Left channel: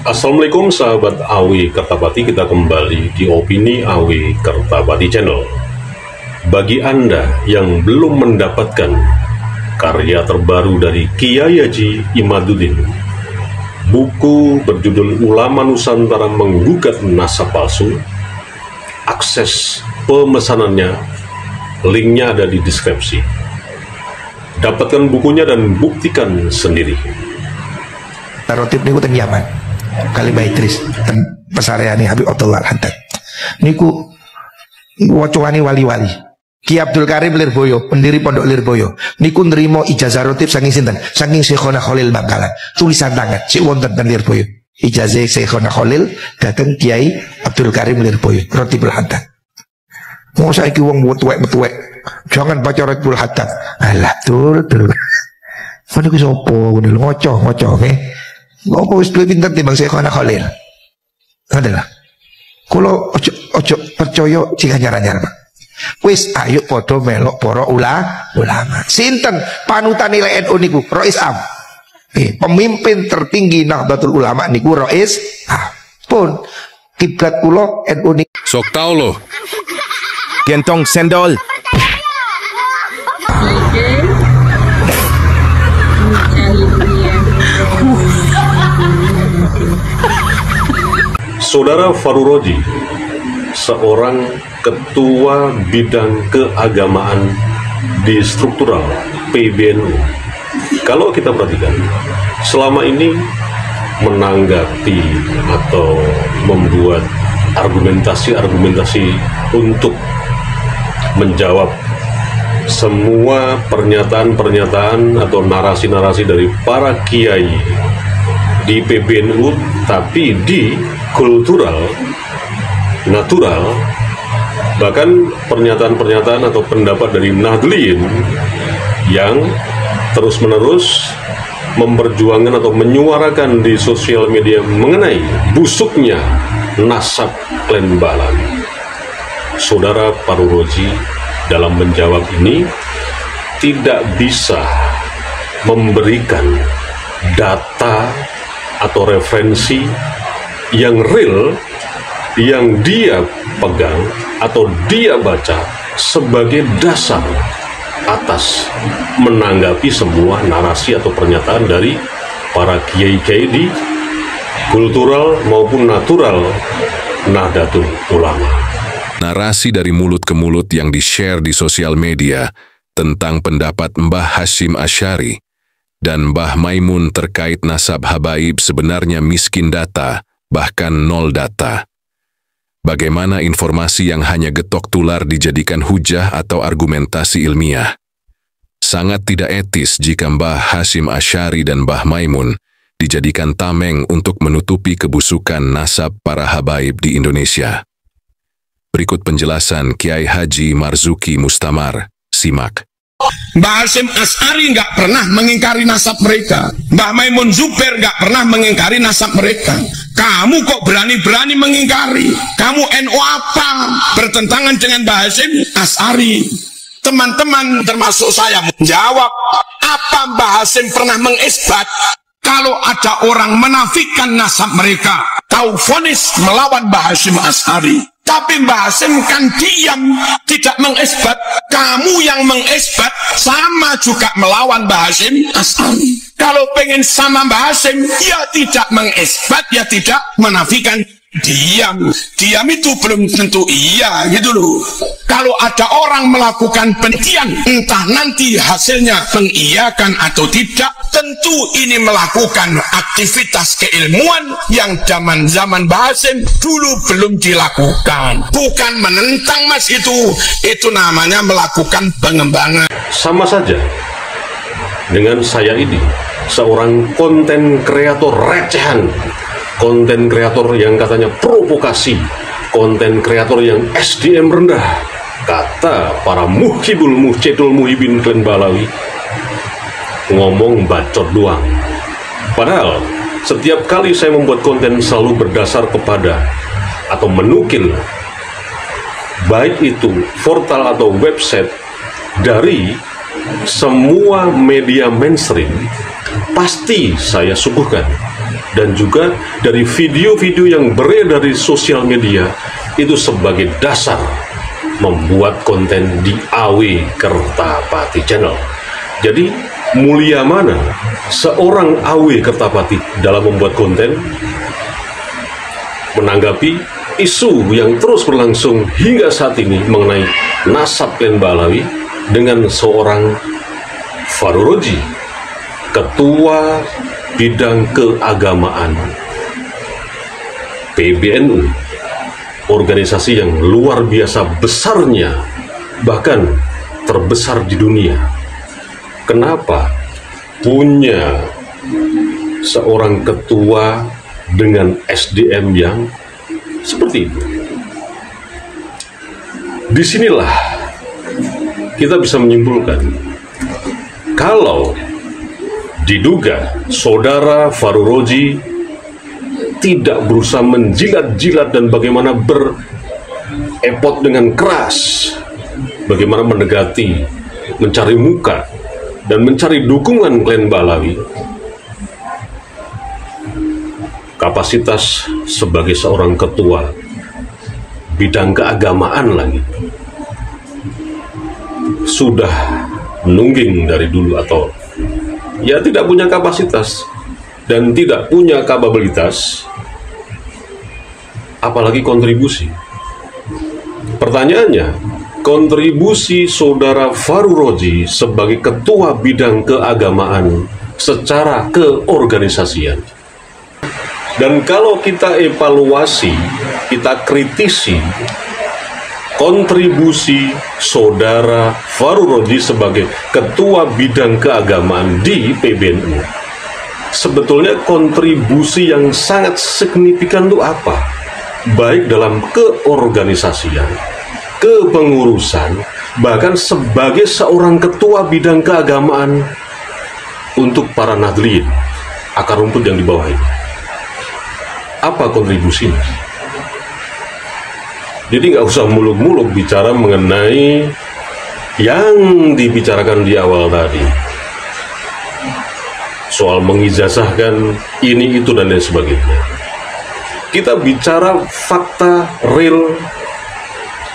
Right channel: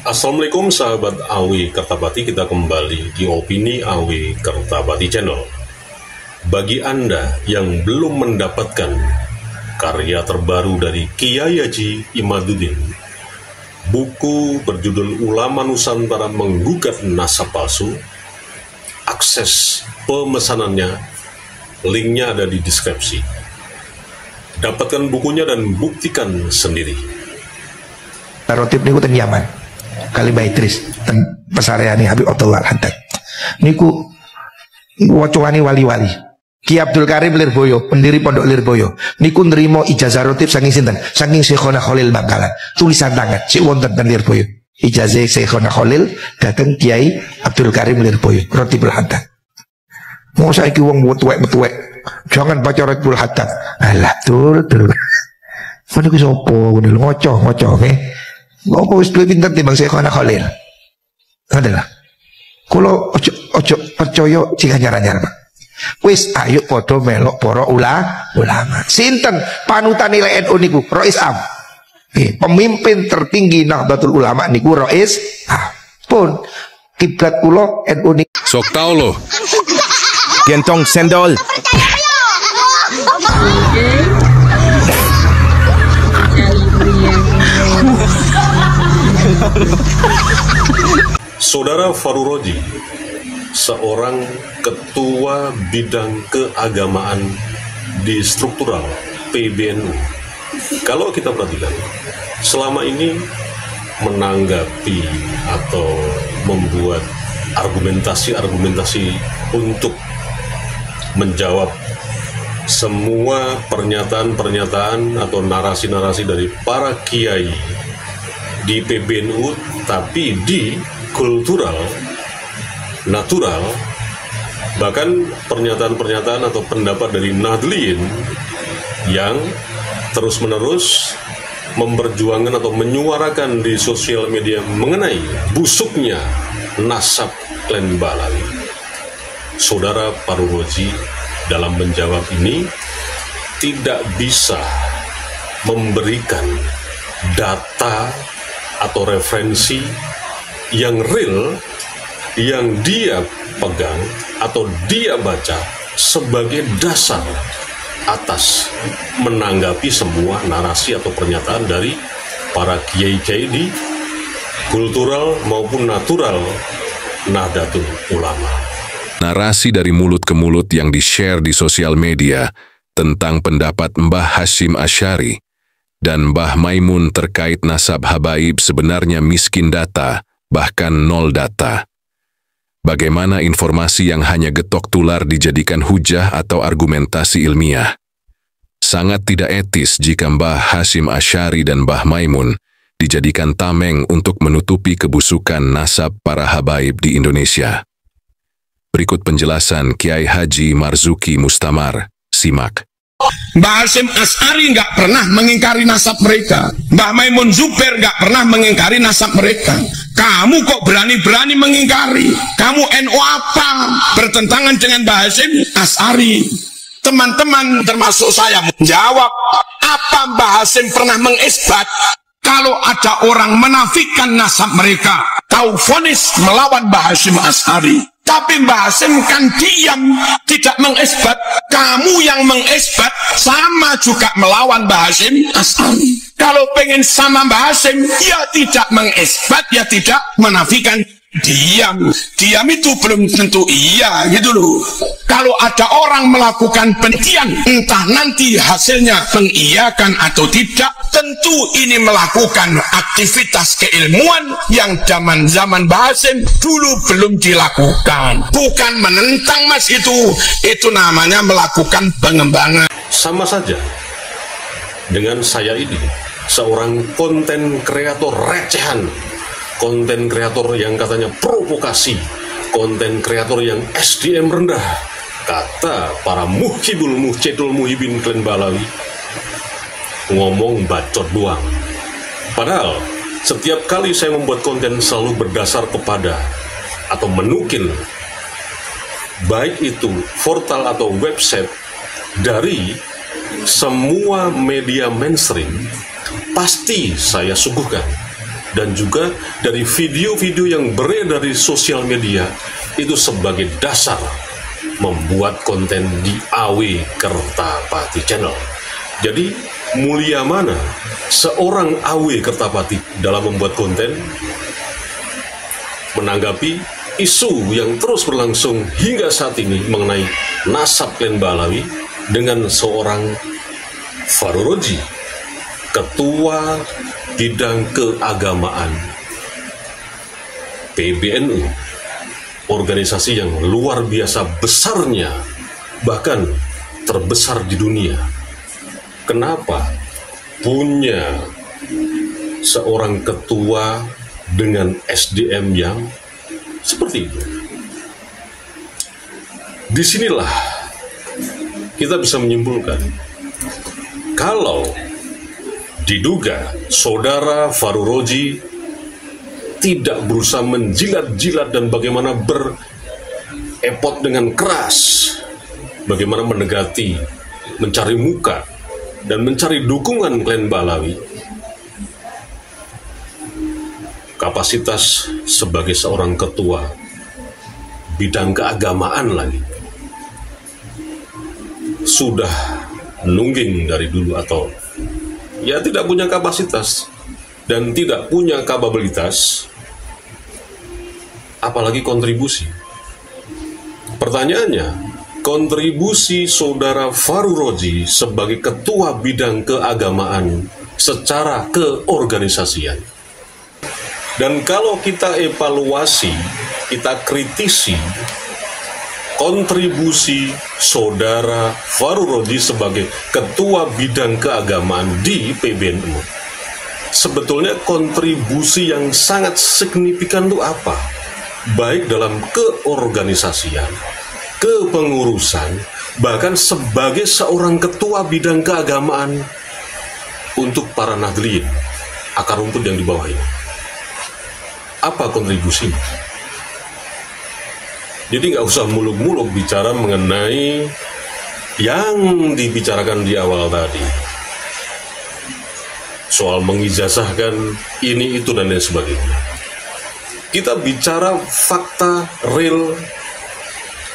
Assalamualaikum sahabat Awi Kertabati, kita kembali di Opini Awi Kertabati Channel. Bagi Anda yang belum mendapatkan karya terbaru dari Kiai Haji Imaduddin, buku berjudul Ulama Nusantara Menggugat Nasab Palsu, akses pemesanannya, linknya ada di deskripsi. Dapatkan bukunya dan buktikan sendiri. Rotib niku teng Yaman, kali Baitris teng pesareane Habib Abdullah Al-Haddad niku wacane wali-wali. Ki Abdul Karim Lirboyo, pendiri Pondok Lirboyo niku nrimo ijazah rotib saking sinten? Saking Syekhona Khalil Bangkalan, tulisan tangan sik wonten ten Lirboyo. Ijazah Syekhona Khalil dateng Kiai Abdul Karim Lirboyo, Rotib Al-Haddad. Mau saiki wong metuwek-metuwek, jangan baca Rotib Al-Haddad. Alah tur. Mana ku sapa ngono ngoco nggih. Apa wis luwih pinter timbang Syekhona Khalil. Adalah. Kulo ojo percaya jika nyara-nyara. Wis ayo padha melok para ulama. Sinten panutan nilai NU niku? Rois Am. Pemimpin tertinggi Nahdlatul Ulama niku Rois Am. Pun kiblat kula NU niku. Sok tau lo. Gentong sendol. Saudara Faruroji, seorang ketua bidang keagamaan di struktural PBNU, kalau kita perhatikan selama ini menanggapi atau membuat argumentasi untuk menjawab semua pernyataan atau narasi-narasi dari para kiai di PBNU, tapi di kultural, natural, bahkan pernyataan-pernyataan atau pendapat dari Nahdliyin yang terus-menerus memperjuangkan atau menyuarakan di sosial media mengenai busuknya nasab klan Balawi. Saudara Faruroji dalam menjawab ini tidak bisa memberikan data atau referensi yang real yang dia pegang atau dia baca sebagai dasar atas menanggapi semua narasi atau pernyataan dari para kiai-kiai di kultural maupun natural Nahdlatul Ulama. Narasi dari mulut ke mulut yang di-share di sosial media tentang pendapat Mbah Hasyim Asy'ari dan Mbah Maimun terkait nasab habaib sebenarnya miskin data, bahkan nol data. Bagaimana informasi yang hanya getok tular dijadikan hujah atau argumentasi ilmiah? Sangat tidak etis jika Mbah Hasyim Asy'ari dan Mbah Maimun dijadikan tameng untuk menutupi kebusukan nasab para habaib di Indonesia. Berikut penjelasan Kiai Haji Marzuki Mustamar. Simak. Mbah Hasyim Asy'ari nggak pernah mengingkari nasab mereka. Mbah Maimun Zubair nggak pernah mengingkari nasab mereka. Kamu kok berani-berani mengingkari? Kamu NU apa? Bertentangan dengan Mbah Hasyim Asy'ari. Teman-teman termasuk saya menjawab, apa Mbah Hasyim pernah mengisbat kalau ada orang menafikan nasab mereka, tahu vonis melawan Mbah Hasyim Asy'ari? Tapi Mbah Hasyim kan diam, tidak mengisbat. Kamu yang mengisbat sama juga melawan Mbah Hasyim Asy'ari. Kalau pengen sama Mbah Hasyim, ya tidak mengisbat, ya tidak menafikan. Diam itu belum tentu iya gitu loh. Kalau ada orang melakukan penelitian, entah nanti hasilnya mengiyakan atau tidak, tentu ini melakukan aktivitas keilmuan yang zaman Mbah Hasyim dulu belum dilakukan. Bukan menentang mas, itu namanya melakukan pengembangan. Sama saja dengan saya ini, seorang konten kreator recehan, konten kreator yang katanya provokasi, konten kreator yang SDM rendah, kata para muhibul muhcedul muhibin klan Balawi, ngomong bacot doang. Padahal setiap kali saya membuat konten selalu berdasar kepada atau menukil baik itu portal atau website dari semua media mainstream, pasti saya suguhkan dan juga dari video-video yang beredar di sosial media itu sebagai dasar membuat konten di AW Kertapati Channel. Jadi mulia mana seorang AW Kertapati dalam membuat konten? Menanggapi isu yang terus berlangsung hingga saat ini mengenai nasab Klen Balawi dengan seorang Faru Roji, Ketua Bidang Keagamaan PBNU, organisasi yang luar biasa besarnya, bahkan terbesar di dunia. Kenapa punya seorang ketua dengan SDM yang seperti itu? Disinilah kita bisa menyimpulkan kalau diduga saudara Faru Roji tidak berusaha menjilat-jilat dan bagaimana berepot dengan keras, bagaimana mendekati, mencari muka, dan mencari dukungan Klen Balawi. Kapasitas sebagai seorang ketua bidang keagamaan lagi sudah nungging dari dulu, atau ya tidak punya kapasitas dan tidak punya kapabilitas, apalagi kontribusi. Pertanyaannya, kontribusi saudara Faru Roji sebagai ketua bidang keagamaan secara keorganisasian. Dan kalau kita evaluasi, kita kritisi kontribusi saudara Faru Roji sebagai ketua bidang keagamaan di PBNU, sebetulnya kontribusi yang sangat signifikan itu apa? Baik dalam keorganisasian, kepengurusan, bahkan sebagai seorang ketua bidang keagamaan untuk para Nahdliyin, akar rumput yang di bawah ini. Apa kontribusinya? Jadi nggak usah muluk-muluk bicara mengenai yang dibicarakan di awal tadi, soal mengijazahkan ini, itu, dan lain sebagainya. Kita bicara fakta real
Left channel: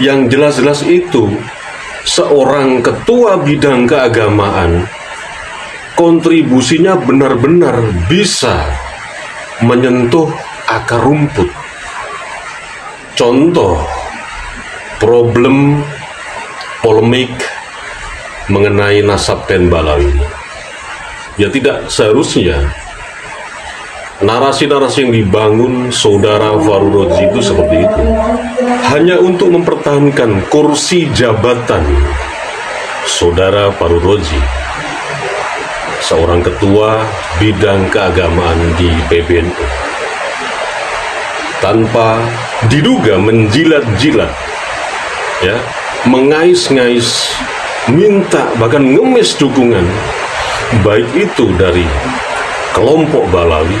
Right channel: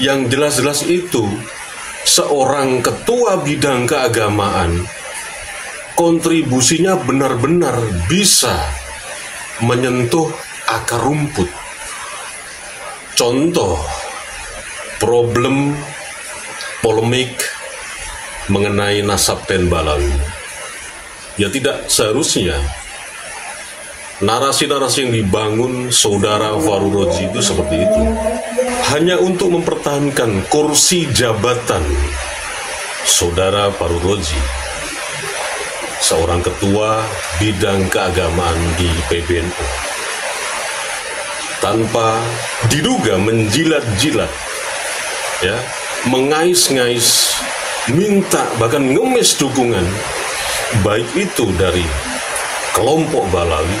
yang jelas-jelas itu. Seorang ketua bidang keagamaan, kontribusinya benar-benar bisa menyentuh akar rumput. Contoh problem polemik mengenai nasab Klen Balawi. Ya tidak seharusnya narasi-narasi yang dibangun saudara Faru Roji itu seperti itu, hanya untuk mempertahankan kursi jabatan saudara Faru Roji, seorang ketua bidang keagamaan di PBNU, tanpa diduga menjilat-jilat, ya, mengais-ngais, minta bahkan ngemis dukungan, baik itu dari kelompok Balawi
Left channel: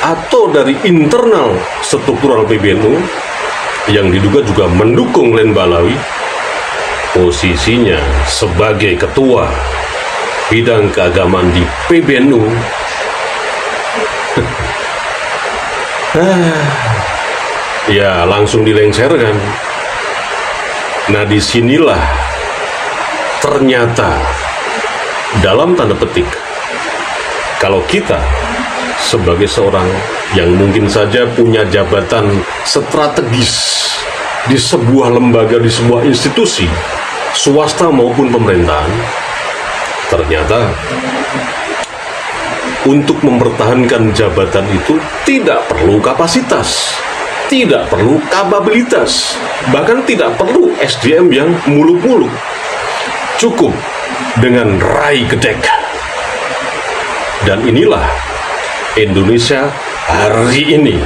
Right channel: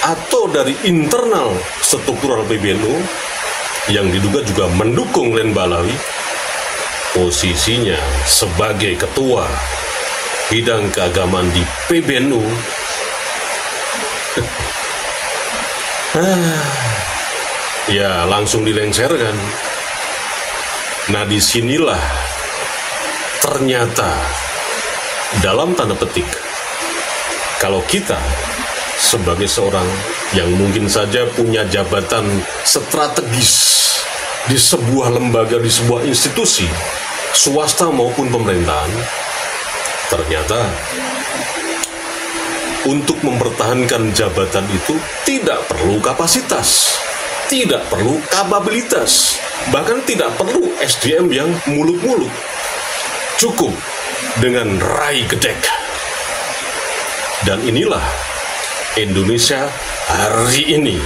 atau dari internal struktural PBNU yang diduga juga mendukung Klen Balawi. Posisinya sebagai ketua bidang keagamaan di PBNU ya langsung dilengserkan. Nah, disinilah ternyata dalam tanda petik, kalau kita sebagai seorang yang mungkin saja punya jabatan strategis di sebuah lembaga, di sebuah institusi swasta maupun pemerintahan, ternyata untuk mempertahankan jabatan itu tidak perlu kapasitas, tidak perlu kapabilitas, bahkan tidak perlu SDM yang muluk-muluk. Cukup dengan rai gedek. Dan inilah Indonesia hari ini.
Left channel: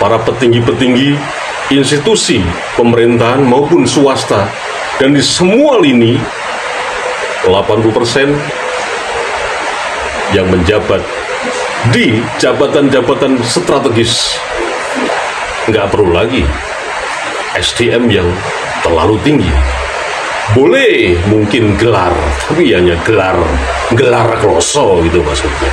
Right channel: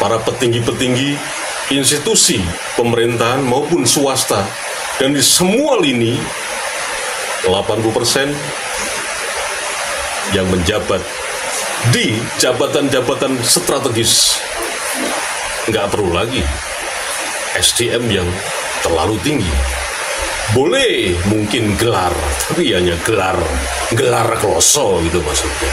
Para petinggi-petinggi institusi pemerintahan maupun swasta, dan di semua lini 80% yang menjabat di jabatan-jabatan strategis. Nggak perlu lagi SDM yang terlalu tinggi. Boleh mungkin gelar, tapi hanya gelar kloso gitu maksudnya.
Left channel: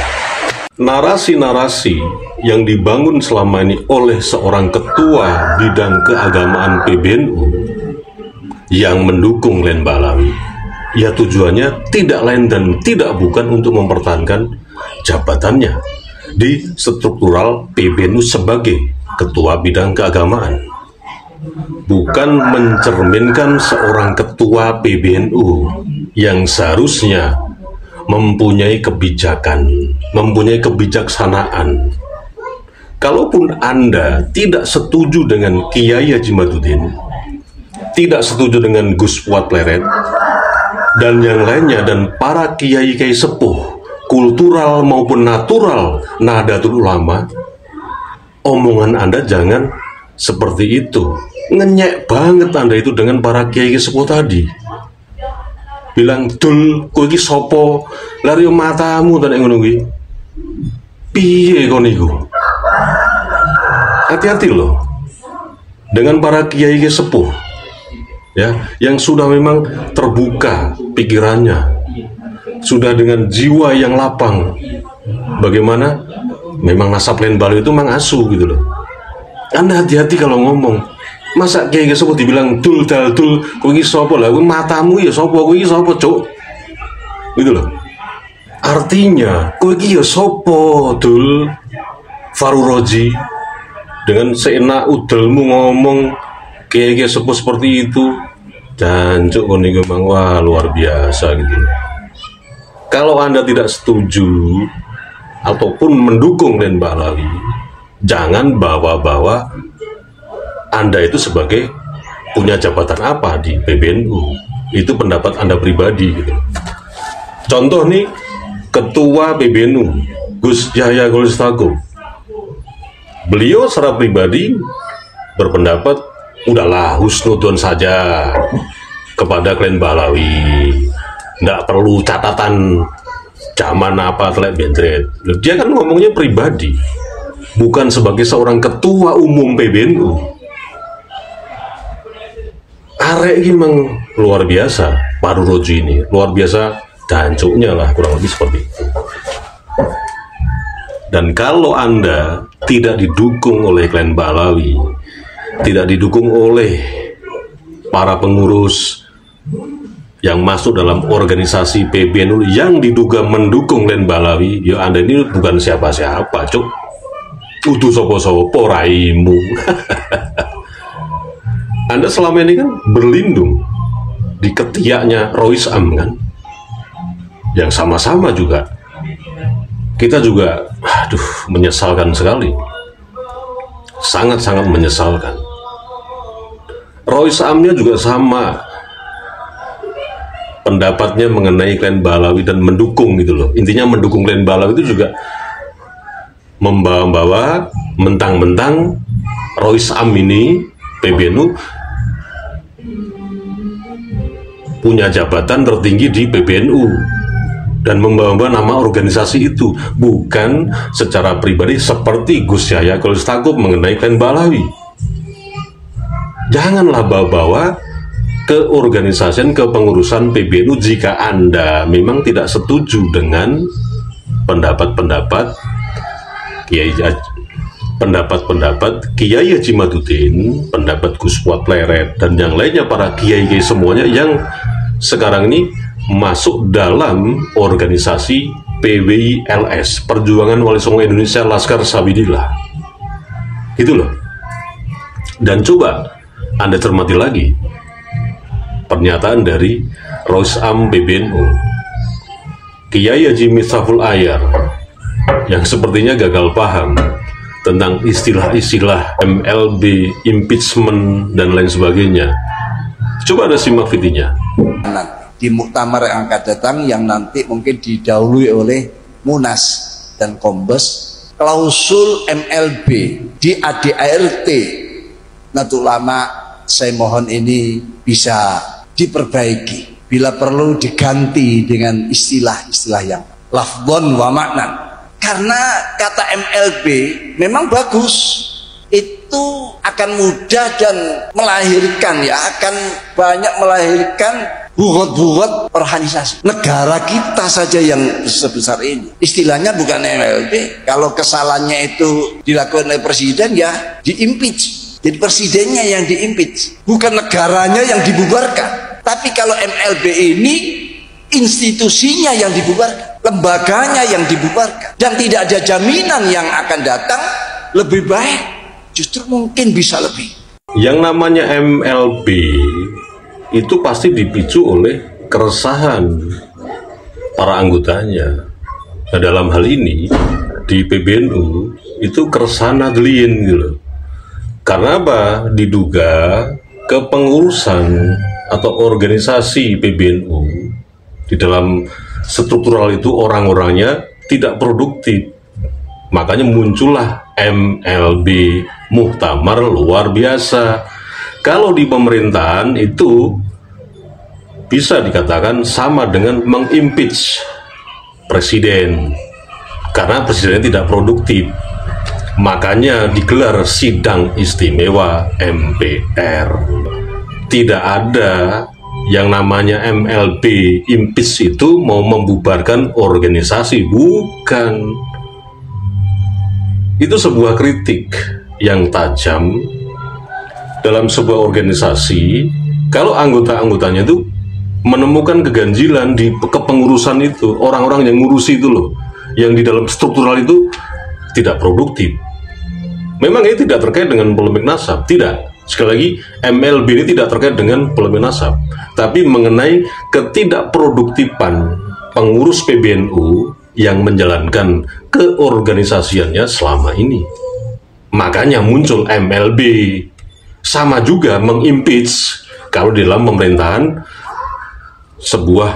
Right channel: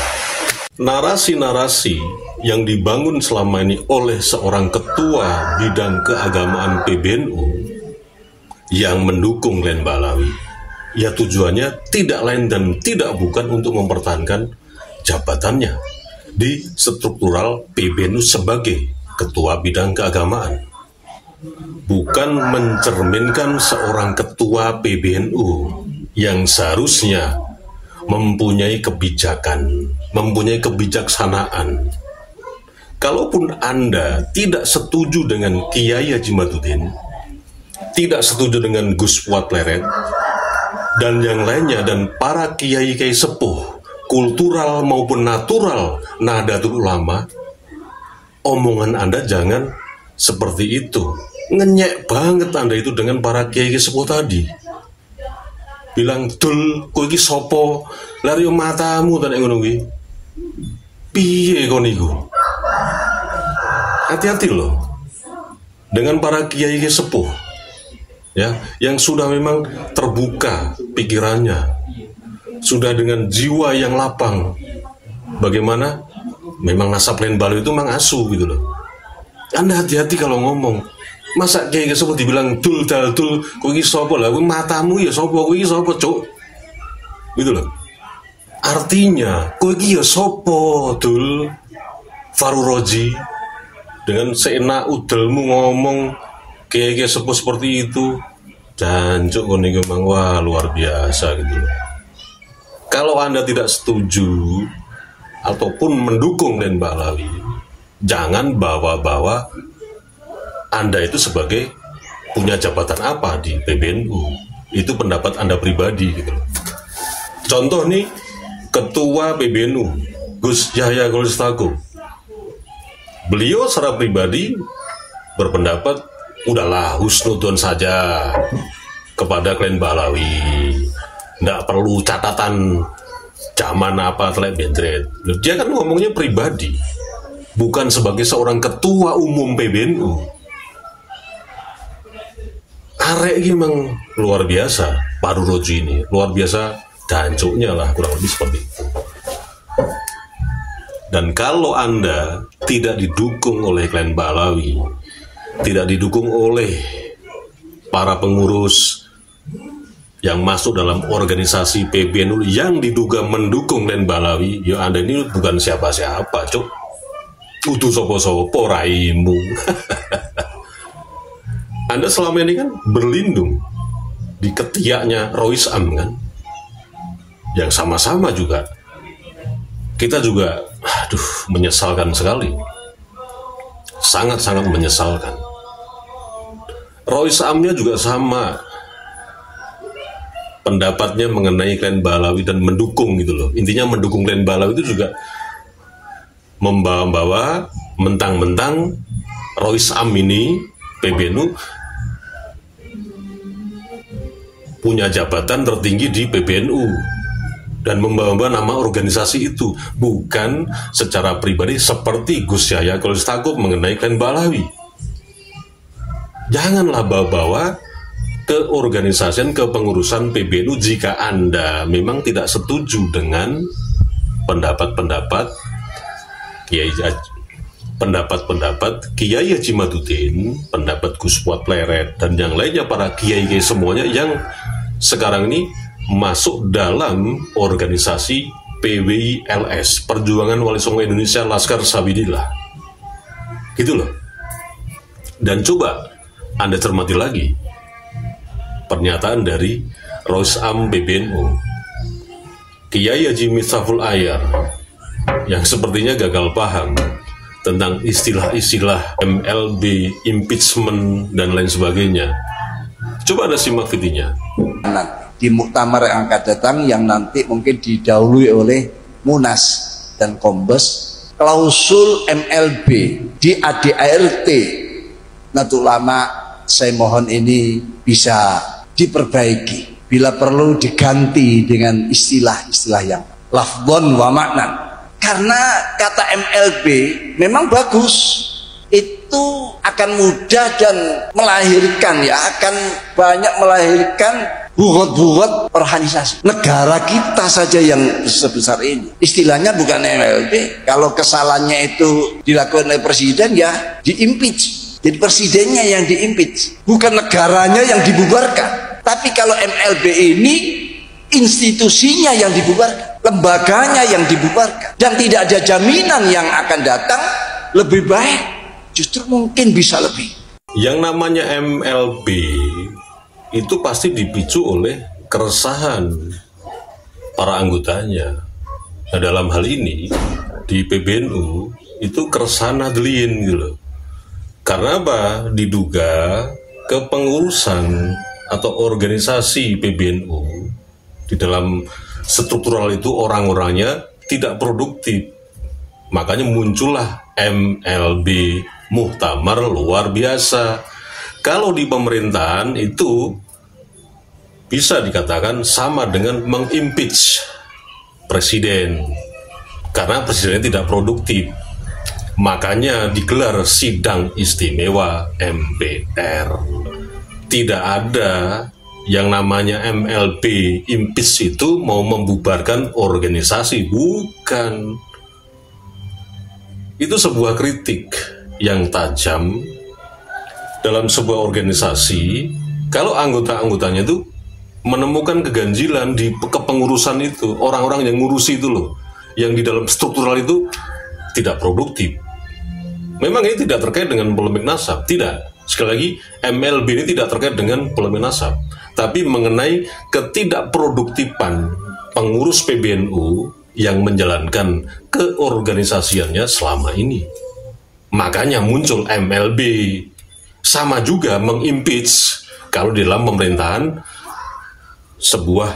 narasi-narasi yang dibangun selama ini oleh seorang ketua bidang keagamaan PBNU yang mendukung Glenn Balawi, ya tujuannya tidak lain dan tidak bukan untuk mempertahankan jabatannya di struktural PBNU sebagai ketua bidang keagamaan, bukan mencerminkan seorang ketua PBNU yang seharusnya mempunyai kebijakan, mempunyai kebijaksanaan. Kalaupun Anda tidak setuju dengan Kiai Haji Madudin, tidak setuju dengan Gus Fuad Pleret dan yang lainnya, dan para kiai-kiai sepuh kultural maupun natural Nahdlatul Ulama, omongan Anda jangan seperti itu. Ngenyek banget Anda itu dengan para kiai sepuh tadi. Bilang, "Dul, kowe iki sapa? Lari matamu ta nek ngono kuwi." Piye kon niku? Hati-hati loh dengan para kiai sepuh, ya, yang sudah memang terbuka pikirannya, sudah dengan jiwa yang lapang. Bagaimana? Memang nasab Glenn Balawi itu memang asu gitu loh. Anda hati-hati kalau ngomong. Masa kiai sepuh dibilang dul dal dul, kowe iki sapa lah? Kowe matamu ya sapa? Kowe iki sapa, Cuk? Gitu loh. Artinya, kowe iki ya sapa, Dul? Faruroji dengan seenak udelmu ngomong kiai sepuh seperti itu. Jancuk kon niku memang wah luar biasa gitu. Kalau Anda tidak setuju ataupun mendukung Glenn Balawi, jangan bawa-bawa Anda itu sebagai punya jabatan apa di PBNU. Itu pendapat Anda pribadi gitu. Contoh nih, Ketua PBNU Gus Yahya Khalil Stakuf, beliau secara pribadi berpendapat udahlah husnudon saja kepada Glenn Balawi, nggak perlu catatan zaman apa telek bentret. Dia kan ngomongnya pribadi, bukan sebagai seorang ketua umum PBNU. Arek ini memang luar biasa, Pak Roji ini luar biasa, dancuknya lah kurang lebih seperti itu. Dan kalau Anda tidak didukung oleh Glenn Balawi, tidak didukung oleh para pengurus yang masuk dalam organisasi PBNU yang diduga mendukung Glenn Balawi, ya Anda ini bukan siapa-siapa, Cuk. Udu sopo-sopo raimu. Anda selama ini kan berlindung di ketiaknya Rois Am kan, yang sama-sama juga kita juga, menyesalkan sekali, sangat-sangat menyesalkan. Rois Amnya juga sama pendapatnya mengenai Glenn Balawi dan mendukung gitu loh. Intinya mendukung Glenn Balawi itu juga membawa-bawa mentang-mentang Rois Am ini PBNU punya jabatan tertinggi di PBNU dan membawa nama organisasi itu, bukan secara pribadi seperti Gus Yahya Khalil Stakuf mengenai Glenn Balawi. Janganlah bawa-bawa keorganisasian, kepengurusan PBNU jika Anda memang tidak setuju dengan pendapat-pendapat Kiai Haji Madudin, pendapat Gus Fuad Pleret, dan yang lainnya para kiai-kiai semuanya yang sekarang ini masuk dalam organisasi PWILS, Perjuangan Wali Songo Indonesia Laskar Sabilillah. Gitu loh. Dan coba Anda cermati lagi pernyataan dari Rois Am PBNU, Kiai Haji Miftahul Ayar, yang sepertinya gagal paham tentang istilah-istilah MLB, impeachment, dan lain sebagainya. Coba Anda simak videonya. Di muktamar yang akan datang, yang nanti mungkin didahului oleh Munas dan Kombes, klausul MLB di ADART Nahdlatul Ulama, saya mohon ini bisa diperbaiki, bila perlu diganti dengan istilah-istilah yang lafdhon wa maknan. Karena kata MLB memang bagus, itu akan mudah dan melahirkan, ya, akan banyak melahirkan buat organisasi. Negara kita saja yang sebesar ini. Istilahnya bukan MLB. Kalau kesalahannya itu dilakukan oleh presiden, ya di-impeach. Jadi presidennya yang di-impeach, bukan negaranya yang dibubarkan. Tapi kalau MLB ini institusinya yang dibubarkan, lembaganya yang dibubarkan, dan tidak ada jaminan yang akan datang lebih baik, justru mungkin bisa lebih. Yang namanya MLB itu pasti dipicu oleh keresahan para anggotanya. Nah, dalam hal ini di PBNU itu keresahan nahdliyin gitu. Karena apa? Diduga kepengurusan atau organisasi PBNU di dalam struktural itu orang-orangnya tidak produktif. Makanya muncullah MLB, muktamar luar biasa. Kalau di pemerintahan itu bisa dikatakan sama dengan mengimpeach presiden, karena presidennya tidak produktif. Makanya digelar sidang istimewa MPR. Tidak ada yang namanya MLB impeach itu mau membubarkan organisasi, bukan. Itu sebuah kritik yang tajam dalam sebuah organisasi. Kalau anggota-anggotanya itu menemukan keganjilan di kepengurusan itu, orang-orang yang ngurusi itu loh, yang di dalam struktural itu tidak produktif. Memang ini tidak terkait dengan polemik nasab, tidak. Sekali lagi, MLB ini tidak terkait dengan polemik nasab, tapi mengenai ketidakproduktifan pengurus PBNU yang menjalankan keorganisasiannya selama ini. Makanya muncul MLB. Sama juga mengimpeach kalau di dalam pemerintahan sebuah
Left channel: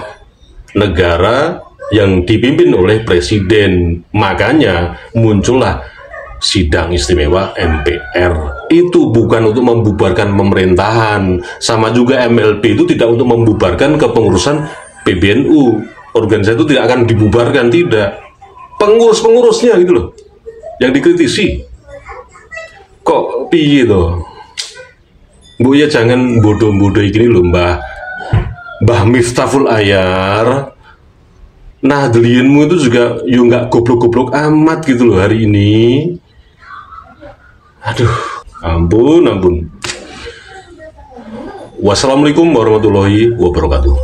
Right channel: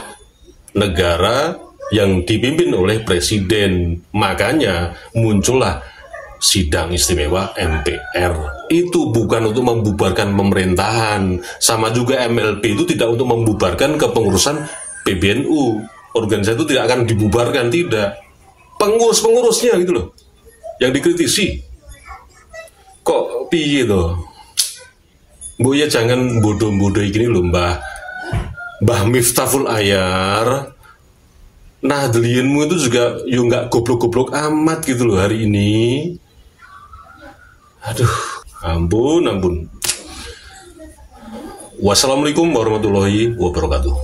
negara yang dipimpin oleh presiden. Makanya muncullah sidang istimewa MPR. Itu bukan untuk membubarkan pemerintahan. Sama juga MLB itu tidak untuk membubarkan kepengurusan PBNU. Organisasi itu tidak akan dibubarkan, tidak. Pengurus-pengurusnya gitu loh yang dikritisi. Kok piye toh? Bu ya jangan bodoh-bodoh gini loh Mbah Miftahul Ayar. Nahdliyenmu itu juga yo nggak goblok-goblok amat gitu loh hari ini. Aduh, ampun. Wassalamualaikum warahmatullahi wabarakatuh.